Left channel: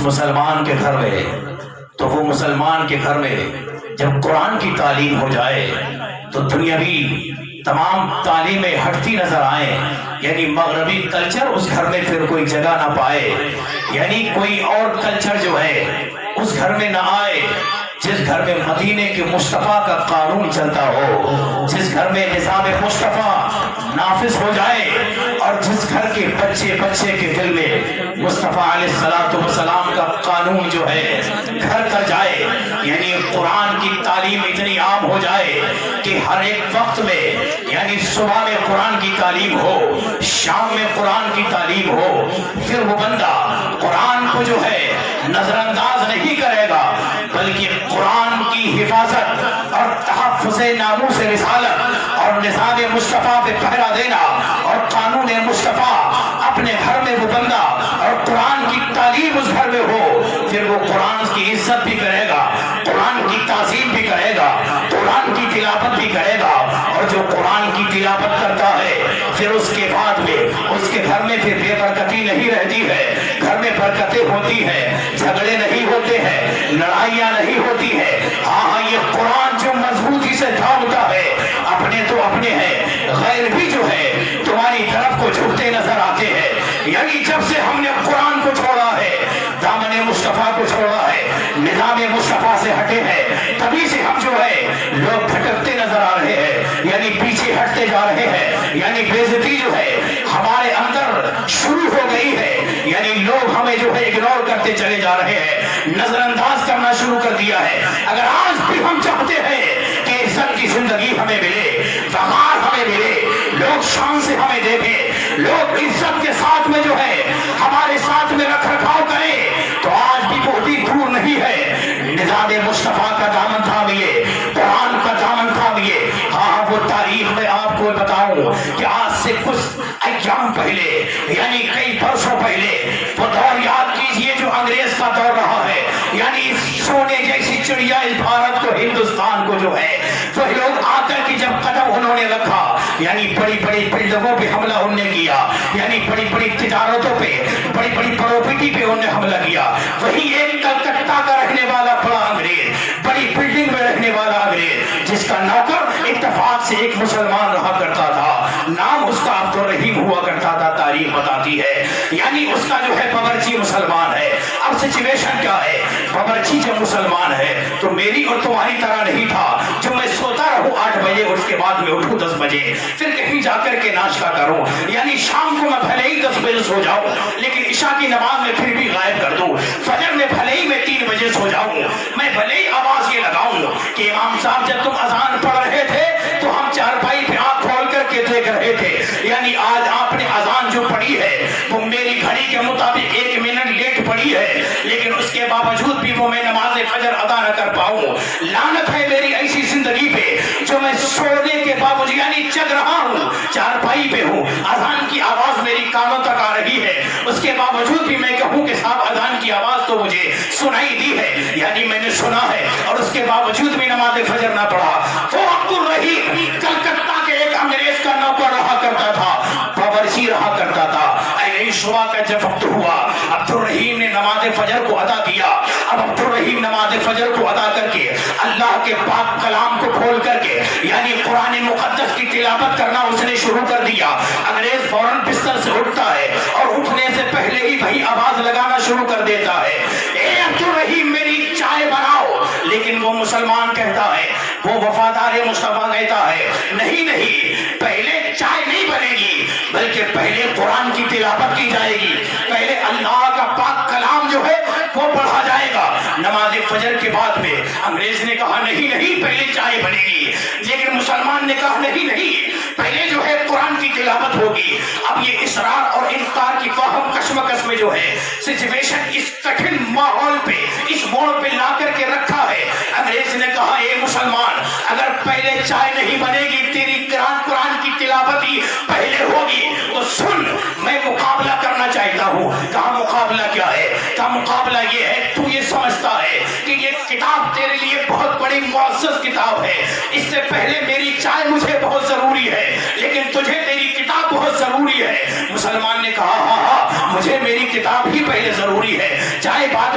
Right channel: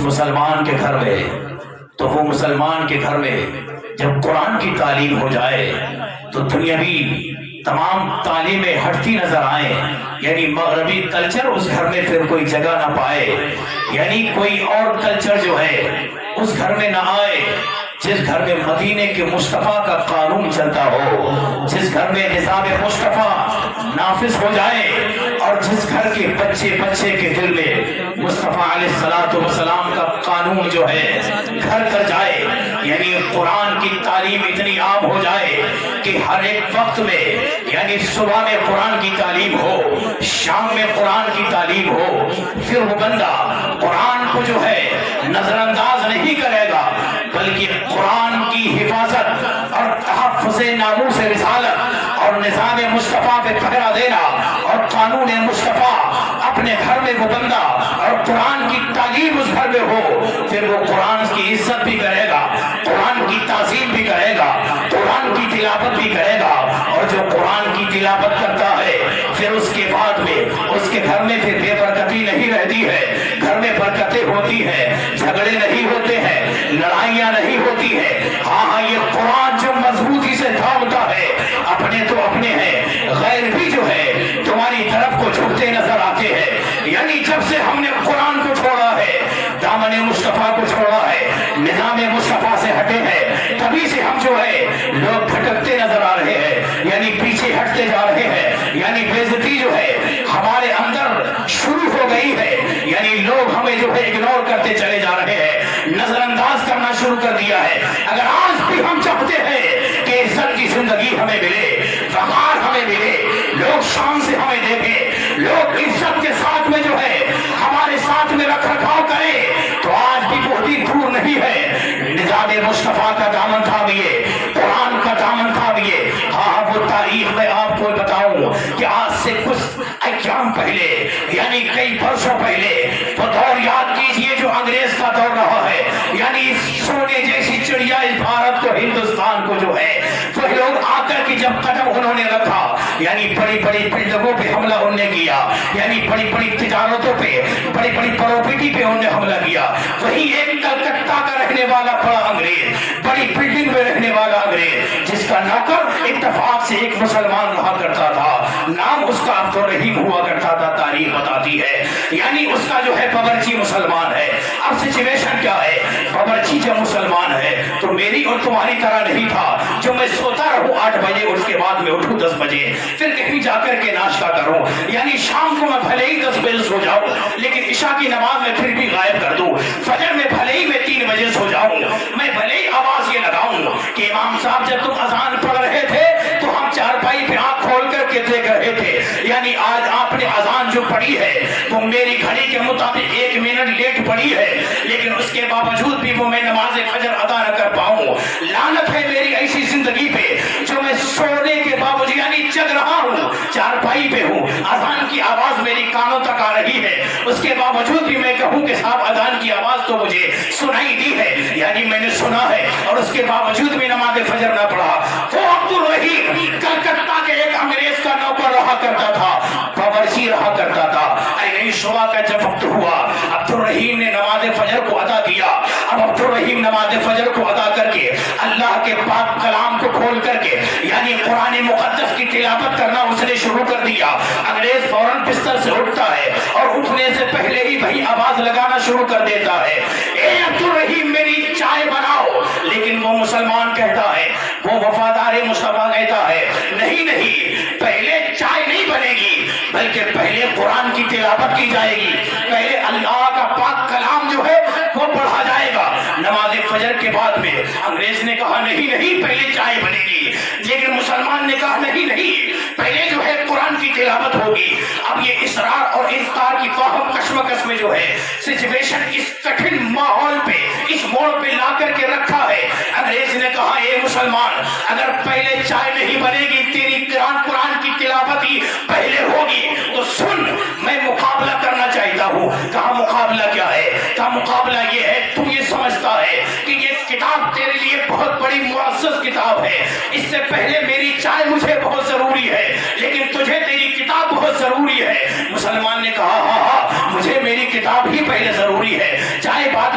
مسلمان کے گھر میں، تو وہ مسلمان کے گھر میں جب قرآن کی تعلیم ہو جائے تو دنیاوی تمام تعلیمیں ہٹتی نظر آئیں، یعنی مغربی کلچر اس گھر میں پھر کوئی جگہ نہ پائے، یعنی کوئی اور کلچر جو ہے اس گھر میں نہ آئے۔ جس گھر میں مدینے کے مصطفیٰ کا قانون چلتا ہو، جس گھر میں نظام مصطفیٰ نافذ ہو جائے، اور جس گھر کے بچے بچے کے دل میں مصطفیٰ علیہ السلام کا قانون جو ہے گھر کر جائے، یعنی قرآن کی تعلیم اتنی عام ہو جائے کہ ہر ایک وقت میں، یعنی صبح میں قرآن کی تعلیم ہو، شام میں قرآن کی تعلیم ہو، پھر وہ بندہ قرآن کو جو ہے نظر انداز نہیں کرے گا، بلکہ قرآن کی حفاظت اور تحفظ ناموس رسالت اور نظام مصطفیٰ پہ پہرا دینا اور قانون مصطفیٰ اپنے گھر میں وہ بندہ اور قرآن کی تعلیم اس گھر میں ہو، پھر وہ قرآن کی عزت بھی کرے گا، قرآن کی تعظیم بھی کرے گا، قرآن کی تلاوت بھی کرے گا، اور جو قرآن کی تلاوت کرتا ہے پھر اس کے بعد میں اس کے گھر میں پھر بے برکتی نہیں رہتی ہے، گھر میں برکتیں ہوتی ہیں، جھگڑے نہیں ہوتے ہیں، لڑائیاں نہیں ہوتی ہیں۔ ہاں یہ قرآن جو مضبوطی سے تھامتا ہے، اپنے تو اپنے ہیں، غیر بھی جو ہے تمہاری طرف کو جھکتے نظر آتے ہیں، یعنی جب سے ہم نے قرآن کو چھوڑا ہے، دامن مصطفیٰ کو چھوڑا ہے، نظام مصطفیٰ سے ہٹے ہیں، تبھی سے ہم جو ہے لوگ بھٹکتے نظر آ رہے ہیں، یعنی پیچھے ہٹتے جا رہے ہیں، یعنی بے عزتی جو ہے ہمارے اندر شروع ہو گئی ہے، یعنی لوگ ہمیں جو ہے اگنور کرتے چلے جا رہے ہیں، نظر انداز کرنا شروع کر دیا ہے۔ اگر آج بھی ہم چاہتے ہیں کہ عزت کی زندگی ہمیں ملے، وقار ہمیں ملے، لوگ شان سے ہمیں دیکھیں، لوگ عزت کے ساتھ میں جو ہے ہمارے ساتھ میں رکھ رکھاؤ کریں، تو آج بھی بہت ہی دور نہیں ہے۔ نظام مصطفیٰ کا دامن تھامیے، قرآن کا دامن تھامیے۔ ہاں وہ تاریخ میں آپ کو بتاؤں کہ آج سے کچھ ایام پہلے، یعنی کئی برسوں پہلے، وہ دور یاد کیجئے جو انگریز کا دور رہا ہے، یعنی سونے جیسی چڑیا اس بھارت کو، ہندوستان کو جو ہے وہ لوگ آ کر کے جب قدم انہوں نے رکھا، یعنی بڑی بڑی بلڈنگوں پہ حملہ انہوں نے کیا، یعنی بڑی بڑی تجارتوں پہ، بڑی بڑی پراپرٹی پہ انہوں نے حملہ کیا۔ وہی ایک کلکتہ کا رہنے والا بڑا انگریز، بڑی بلڈنگ میں رہنے والا انگریز، جس کا نوکر اتفاق سے ایک مسلمان رہا کرتا تھا، نام اس کا عبد الرحیم ہوا کرتا تھا، تاریخ بتاتی ہے، یعنی اس کا جو ہے باورچی مسلمان ہے۔ اب سچویشن کیا ہے؟ باورچی جب مسلمان ہے تو میری اور تمہاری طرح نہیں تھا جو میں سوتا رہوں 8 بجے، اس کے بعد میں اٹھوں 10 بجے، پھر کہیں جا کر کے ناشتہ کروں، یعنی شام کو میں بھلے ہی 10 بجے سو جاؤں لیکن عشاء کی نماز میں پھر بھی غائب کر دوں، فجر میں بھلے ہی میں 3 بجے سو جاؤں، میں بھلے ہی آواز یہ لگاؤں کہ امام صاحب جب تم اذان پڑھ رہے تھے تو ہم چارپائی پہ آنکھ کھول کر کے دیکھ رہے تھے، یعنی آج آپ نے اذان جو پڑھی ہے وہ میری گھڑی کے مطابق 1 منٹ لیٹ پڑھی ہے، لیکن اس کے باوجود بھی وہ میں نماز فجر ادا نہ کر پاؤں۔ لعنت ہے میری ایسی زندگی پہ جو میں سونے کے باوجود، یعنی جگ رہا ہوں، چارپائی پہ ہوں، اذان کی آواز میری کانوں تک آ رہی ہے، اس کے باوجود بھی میں کہوں کہ صاحب اذان کی آواز تو مجھے سنائی دی ہے، یعنی میں نے سنا ہے، اور اس کے باوجود بھی نماز فجر نہ پڑھا۔ وہ عبد الرحیم کلکتہ کے ایک انگریز کا نوکر رہا کرتا تھا، باورچی رہا کرتا تھا۔ نہیں صبح کا جب وقت ہوا، عبد الرحیم نے نماز فجر کو ادا کیا۔ اب عبد الرحیم نماز فجر کو ادا کر کے اللہ کے پاک کلام کو کھول کر کے، یعنی قرآن مقدس کی تلاوت کرنا اس نے شروع کر دیا۔ انگریز فوراً بستر سے اٹھتا ہے اور اٹھنے سے پہلے ہی بھائی آواز لگانا شروع کر دیتا ہے، اے عبد الرحیم میری چائے بناؤ، لیکن وہ مسلمان کہتا ہے، وہ وفادار مصطفیٰ کہتا ہے، نہیں نہیں، پہلے چائے نہیں بنے گی بلکہ پہلے قرآن کی تلاوت کی جائے گی، پہلے اللہ کا پاک کلام جو ہے وہ پڑھا جائے گا۔ نماز فجر کے بعد میں انگریز نے کہا نہیں نہیں، پہلے چائے بنے گی، لیکن مسلمان نے کہا نہیں نہیں، پہلے جو ہے قرآن کی تلاوت ہوگی۔ اب یہ اصرار اور انکار کی فاہم کشمکش میں جو ہے سچویشن اس کٹھن ماحول پہ، اس موڑ پہ لا کر کے رکھا ہے۔ انگریز نے کہا اے مسلمان، اگر پہلے چائے نہیں بنے گی، تیری قرآن کی تلاوت ہی پہلے ہوگی، تو سن، میں مقابلہ کرنا چاہتا ہوں۔ کہا مقابلہ کیا ہے؟ کہا مقابلہ یہ ہے، تو یہ سمجھتا ہے کہ یہ کتاب تیرے لیے بہت بڑی معزز کتاب ہے، اس سے پہلے میری چائے مجھے بہت ضروری ہے، لیکن تجھے تیری کتاب بہت ضروری ہے۔ مسلمان نے کہا ہاں ہاں، مجھے میری کتاب ہی پہلے ضروری ہے، چائے بعد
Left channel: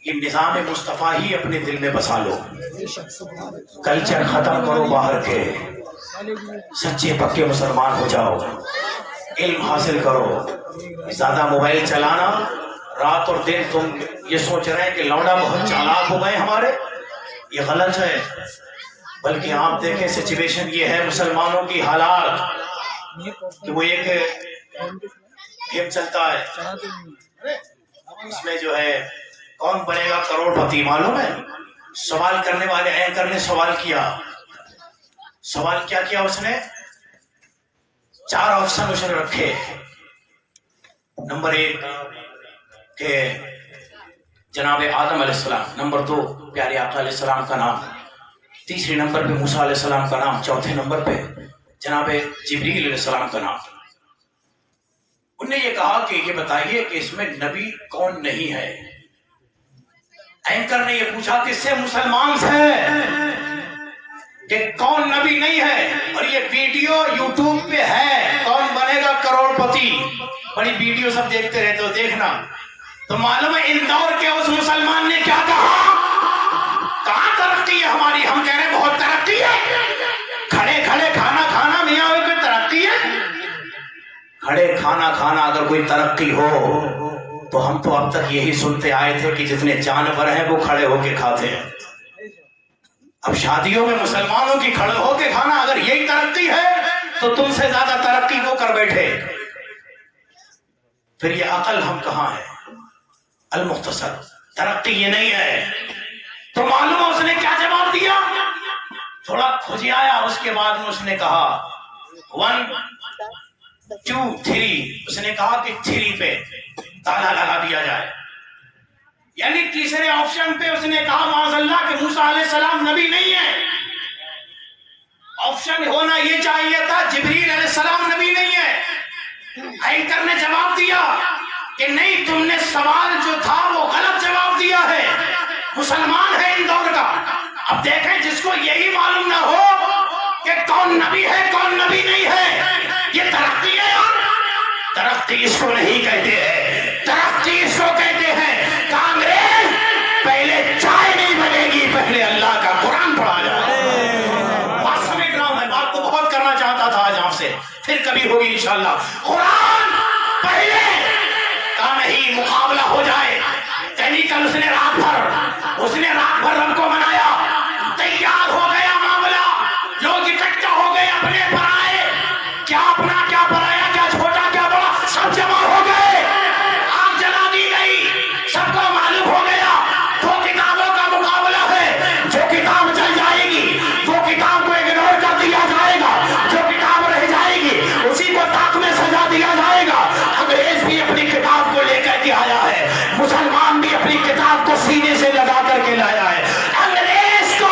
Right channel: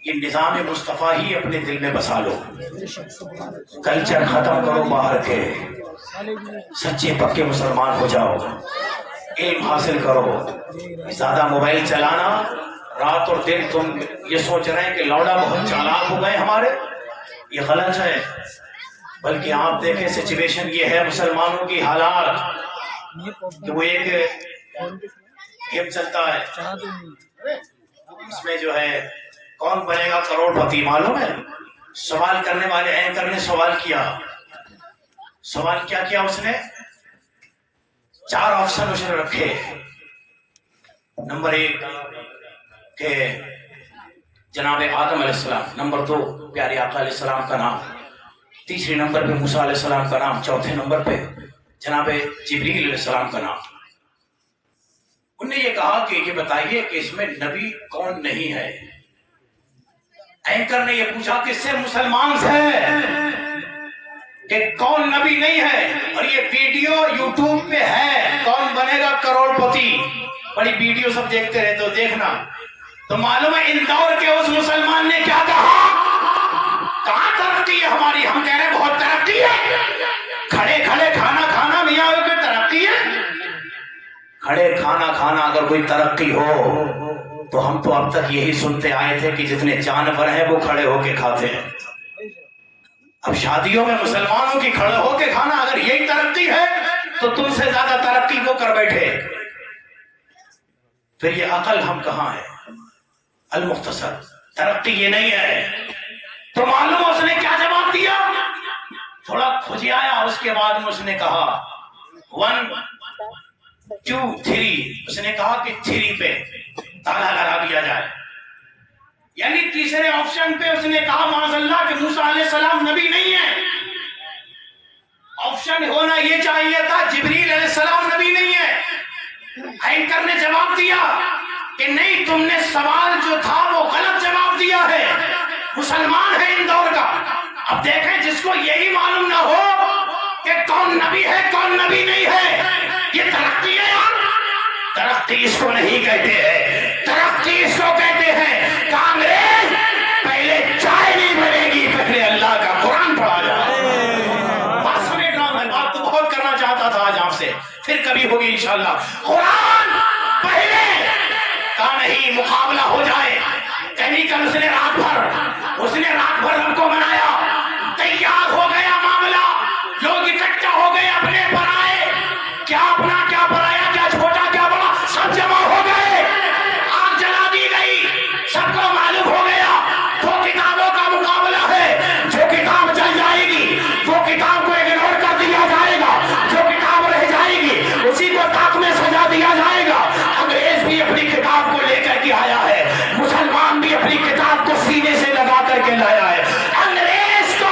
یہ نظام مصطفیٰ ہی اپنے دل میں بسا لو. کلچر ختم کرو باہر کے، سچے پکے مسلمان ہو جاؤ، علم حاصل کرو. زیادہ موبائل چلانا، رات اور دن تم یہ سوچ رہے ہیں کہ لوڈا بہت چالاک ہو گئے ہمارے، یہ غلط ہے. بلکہ آپ دیکھیں سچویشن یہ ہے مسلمانوں کی حالات کہ وہ ایک گیم چلتا ہے، اس میں جو ہے کون بنے گا کروڑ پتی، معلوم ہے؟ سوال کرنے والے اینکر نے سوال کیا اس نے 4 آپشن اس نے رکھے. نمبر 1 کہ جناب آدم علیہ السلام، نمبر 2 پیارے آقا علیہ السلام کا نام، تیسرے نمبر پہ موسیٰ علیہ السلام کا نام، چوتھے نمبر پہ جناب جبریل علیہ السلام کا نام. انہوں نے یہ کہا کہ یہ بتائیے کہ اس میں نبی کون نہیں ہے. اینکر نے یہ پوچھا کہ اس سے مسلمان سے کہ کون نبی نہیں ہے، اور یہ ویڈیو یوٹیوب پہ ہے، کون بنے گا کروڑ پتی. بڑی ویڈیو سب دیکھتے رہتے ہو، دیکھنا. تو معلوم ہے اندور کے اس مسلمان نے کیا کہا؟ کہاں ترقی ہے ہماری؟ ہم کہہ رہے ہیں بہت ترقی ہے. کھڑے کھڑے کھانا کھانا میاں کوئی ترقی ہے؟ کھڑے کھانا کھانا اگر کوئی ترقی ہو تو ہم تو اب تک یہی سنتے آئے تھے کہ جتنے جانور ہیں وہ کھڑے ہو کے کھاتے ہیں. اب شادیوں میں مسلمانوں کی کھڑے ہو کے کھانا اگر یہی ترقی ہے تو تم سے زیادہ ترقی وہ کر بیٹھے. پھر یہ عقل ہم کہاں ہے؟ المختصر ترقی یہ نہیں ہے. تو معلوم ہے اس نے کیا جواب دیا؟ تھوڑا کھجیایا، اس کے بعد میں اس نے کہا 1 2 3. اس نے کہا کہ 3 پہ تالا لگا دیا جائے. یعنی تیسرے آپشن پہ اس نے کہا معاذ اللہ کہ موسیٰ علیہ السلام نبی نہیں ہے. آپشن ہونا یہ چاہیے تھا جبریل علیہ السلام نبی نہیں ہے. اینکر نے جواب دیا کہ نہیں، تم نے سوال جو تھا وہ غلط جواب دیا ہے، مسلمان ہے اندور کا. اب دیکھیں جس کو یہی معلوم نہ ہو کہ کون نبی ہے کون نبی نہیں ہے، یہ ترقی ہے یار. ترقی اس کو نہیں کہتے ہیں، ترقی اس کو کہتے ہیں کانگریس پہلے چائے نہیں بنے گی، پہلے اللہ کا قرآن پڑھا جائے. بات سمیٹ رہا ہوں میں، بات تو بہت کرنا چاہتا تھا آج آپ سے، پھر کبھی ہوگی انشاءاللہ. قرآن پہلے کا نہیں، مقابلہ ہو جائے. کل اس نے رات بھر ہم کو بنایا، تیار ہو گیا معاملہ، لوگ اکٹھا ہو گئے، اپنے پرائے، کیا اپنا کیا پرایا، کیا چھوٹا کیا بڑا، سب جمع ہو گئے. آگ جلا دی گئی، سب کو معلوم ہو گیا 2 کتابوں کا مقابلہ ہے. جو کتاب چل جائے گی وہ کتاب کو اگنور کر دیا جائے گا، جو کتاب رہ جائے گی اسی کو طاق میں سجا دیا جائے گا. انگریز بھی اپنی کتاب کو لے کر کے آیا ہے، مسلمان بھی اپنی کتاب کو سینے سے لگا کر کے لایا ہے. انگریز کو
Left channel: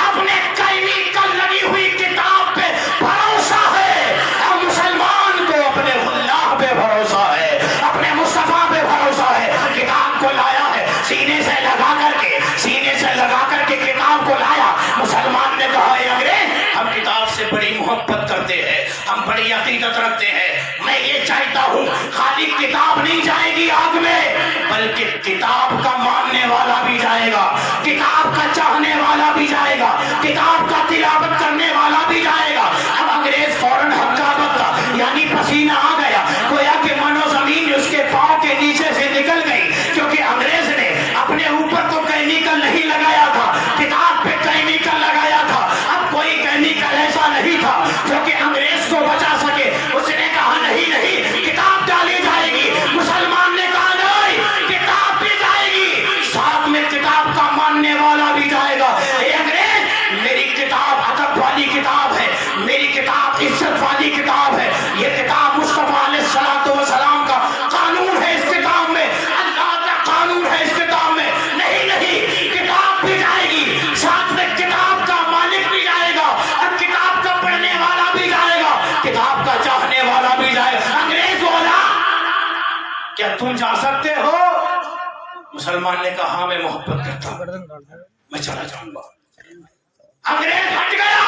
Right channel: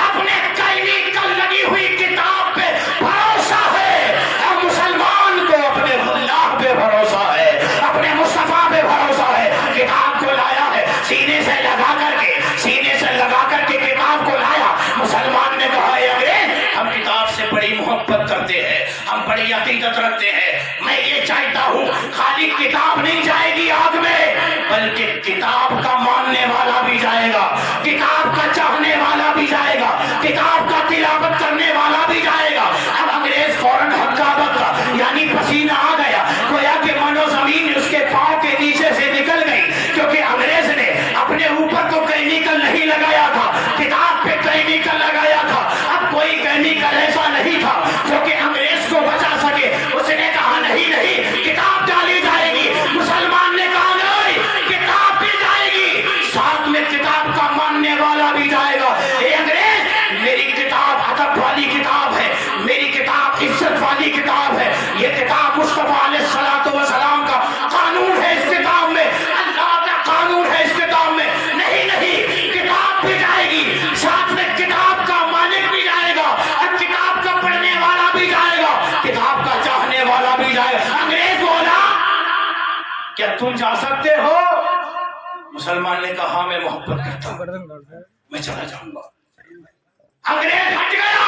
اپنے کیمیکل لگی ہوئی کتاب پہ بھروسہ ہے، اور مسلمان کو اپنے اللہ پہ بھروسہ ہے، اپنے مصطفیٰ پہ بھروسہ ہے. کتاب کو لایا ہے، سینے سے لگا کر کے کتاب کو لایا. مسلمان نے کہا اے انگریز، ہم کتاب سے بڑی محبت کرتے ہیں، ہم بڑی عقیدت رکھتے ہیں. میں یہ چاہتا ہوں خالی کتاب نہیں جائے گی آگ میں، بلکہ کتاب کا ماننے والا بھی جائے گا، کتاب کا چاہنے والا بھی جائے گا، کتاب کا تلاوت کرنے والا بھی جائے گا. اب انگریز فوراً ہکا بکا، یعنی پسینہ آ گیا، گویا کہ من و زمین اس کے پاؤں کے نیچے سے نکل گئی، کیونکہ انگریز نے اپنے اوپر تو کیمیکل نہیں لگایا تھا، کتاب پہ کیمیکل لگایا تھا. اب کوئی کیمیکل ایسا نہیں تھا جو کہ انگریز کو بچا سکے. اس نے کہا نہیں، کتاب ڈالی جائے گی. مسلمان نے کہا نہیں، کتاب بھی جائے گی، ساتھ میں کتاب کا ماننے والا بھی جائے گا. اے انگریز، میری کتاب ادب والی کتاب ہے، میری کتاب عزت والی کتاب ہے. یہ کتاب مصطفیٰ علیہ السلام کا قانون ہے، اس کتاب میں اللہ کا قانون ہے، اس کتاب میں نہیں، کتاب بھی جائے گی، ساتھ میں کتاب کا مالک بھی جائے گا، اور کتاب کا پڑھنے والا بھی جائے گا، کتاب کا چاہنے والا بھی جائے گا. انگریز بولا کیا تم جا سکتے ہو؟ مسلمان نے کہا میں محبت کرتا ہوں، میں چلا جاؤں گا. انگریز ہٹ گیا.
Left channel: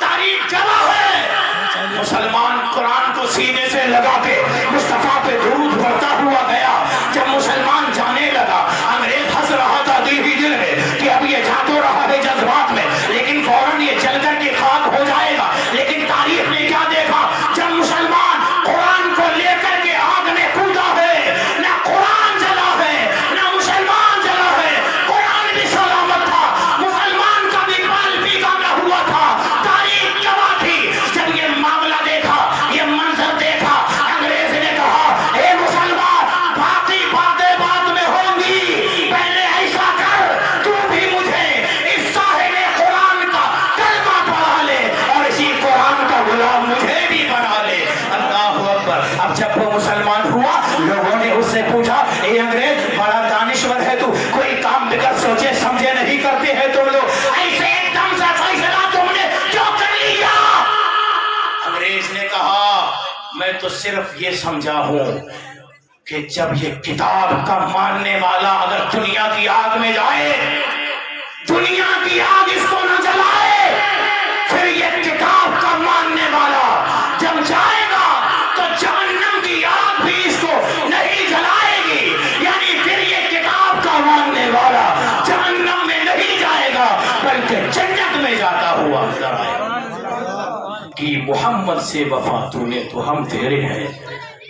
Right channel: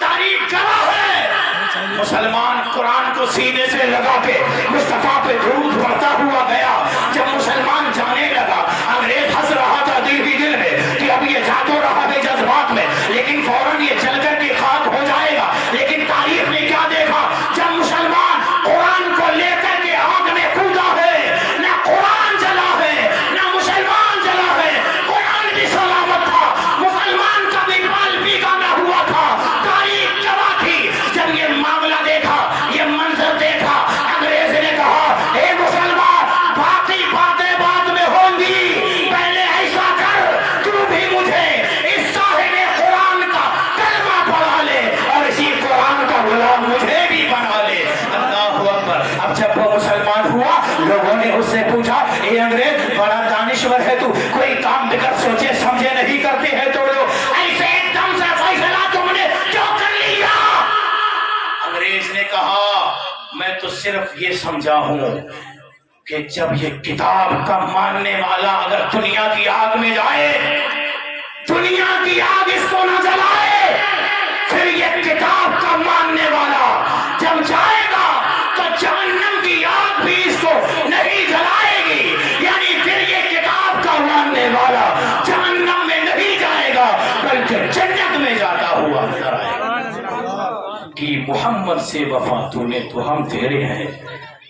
تاریخ گواہ ہے مسلمان قرآن کو سینے سے لگا کے مصطفیٰ پہ درود پڑھتا ہوا گیا. جب مسلمان جانے لگا انگریز ہنس رہا تھا دل ہی دل میں کہ اب یہ جا تو رہا ہے جذبات میں لیکن فوراً یہ چل کر کے خاک ہو جائے گا. لیکن تاریخ نے کیا دیکھا؟ جب مسلمان قرآن کو لے کر کے آگ میں کودا ہے نہ قرآن جلا ہے نہ مسلمان جلا ہے. قرآن بھی سلامت تھا, مسلمان کا بھی مال بگانا ہوا تھا. تاریخ گواہ تھی. جب یہ معاملہ دیکھا, یہ منظر دیکھا, انگریز نے کہا اے مسلمان باقی باتیں بعد میں ہوں گی, پہلے ایسا کر تو بھی مجھے اس صاحب قرآن کا کلمہ پڑھا لے اور اسی قرآن کا غلام مجھے بھی بنا لے. اللہ اکبر. اب جب وہ مسلمان ہوا لوگوں نے اس سے پوچھا اے انگریز بڑا دانشور ہے تو, کوئی کام بغیر سوچے سمجھے نہیں کرتے ہیں تو لوگ, ایسے ایک دم سے فیصلہ تم نے کیوں کر لیا؟ انگریز نے کہا میں تو صرف یہ سمجھا ہوں کہ جب یہ کتاب کا ماننے والا اگر دنیا کی آگ میں جائے, دنیا کی آگ اس کو نہ جلائے, پھر یہ کتاب کا ماننے والا جب جائے گا تو جہنم کی آگ بھی اس کو نہیں جلائے گی. یعنی پھر یہ کتاب کا ماننے والا جہنم میں نہیں جائے گا بلکہ جنت میں جاتا ہوا نظر آئے گا. کہ محمد سے وفا تو نے تو ہم تیرے ہیں,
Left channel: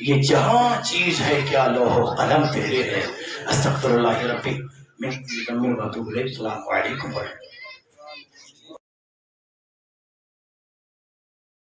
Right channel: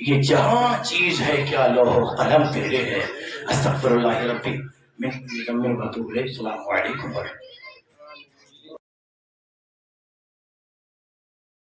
یہ جہاں چیز ہے کیا لوح و قلم تیرے ہے. استغفر اللہ ربی من ذنب و اتوب الیہ. السلام علیکم ورحمۃ اللہ.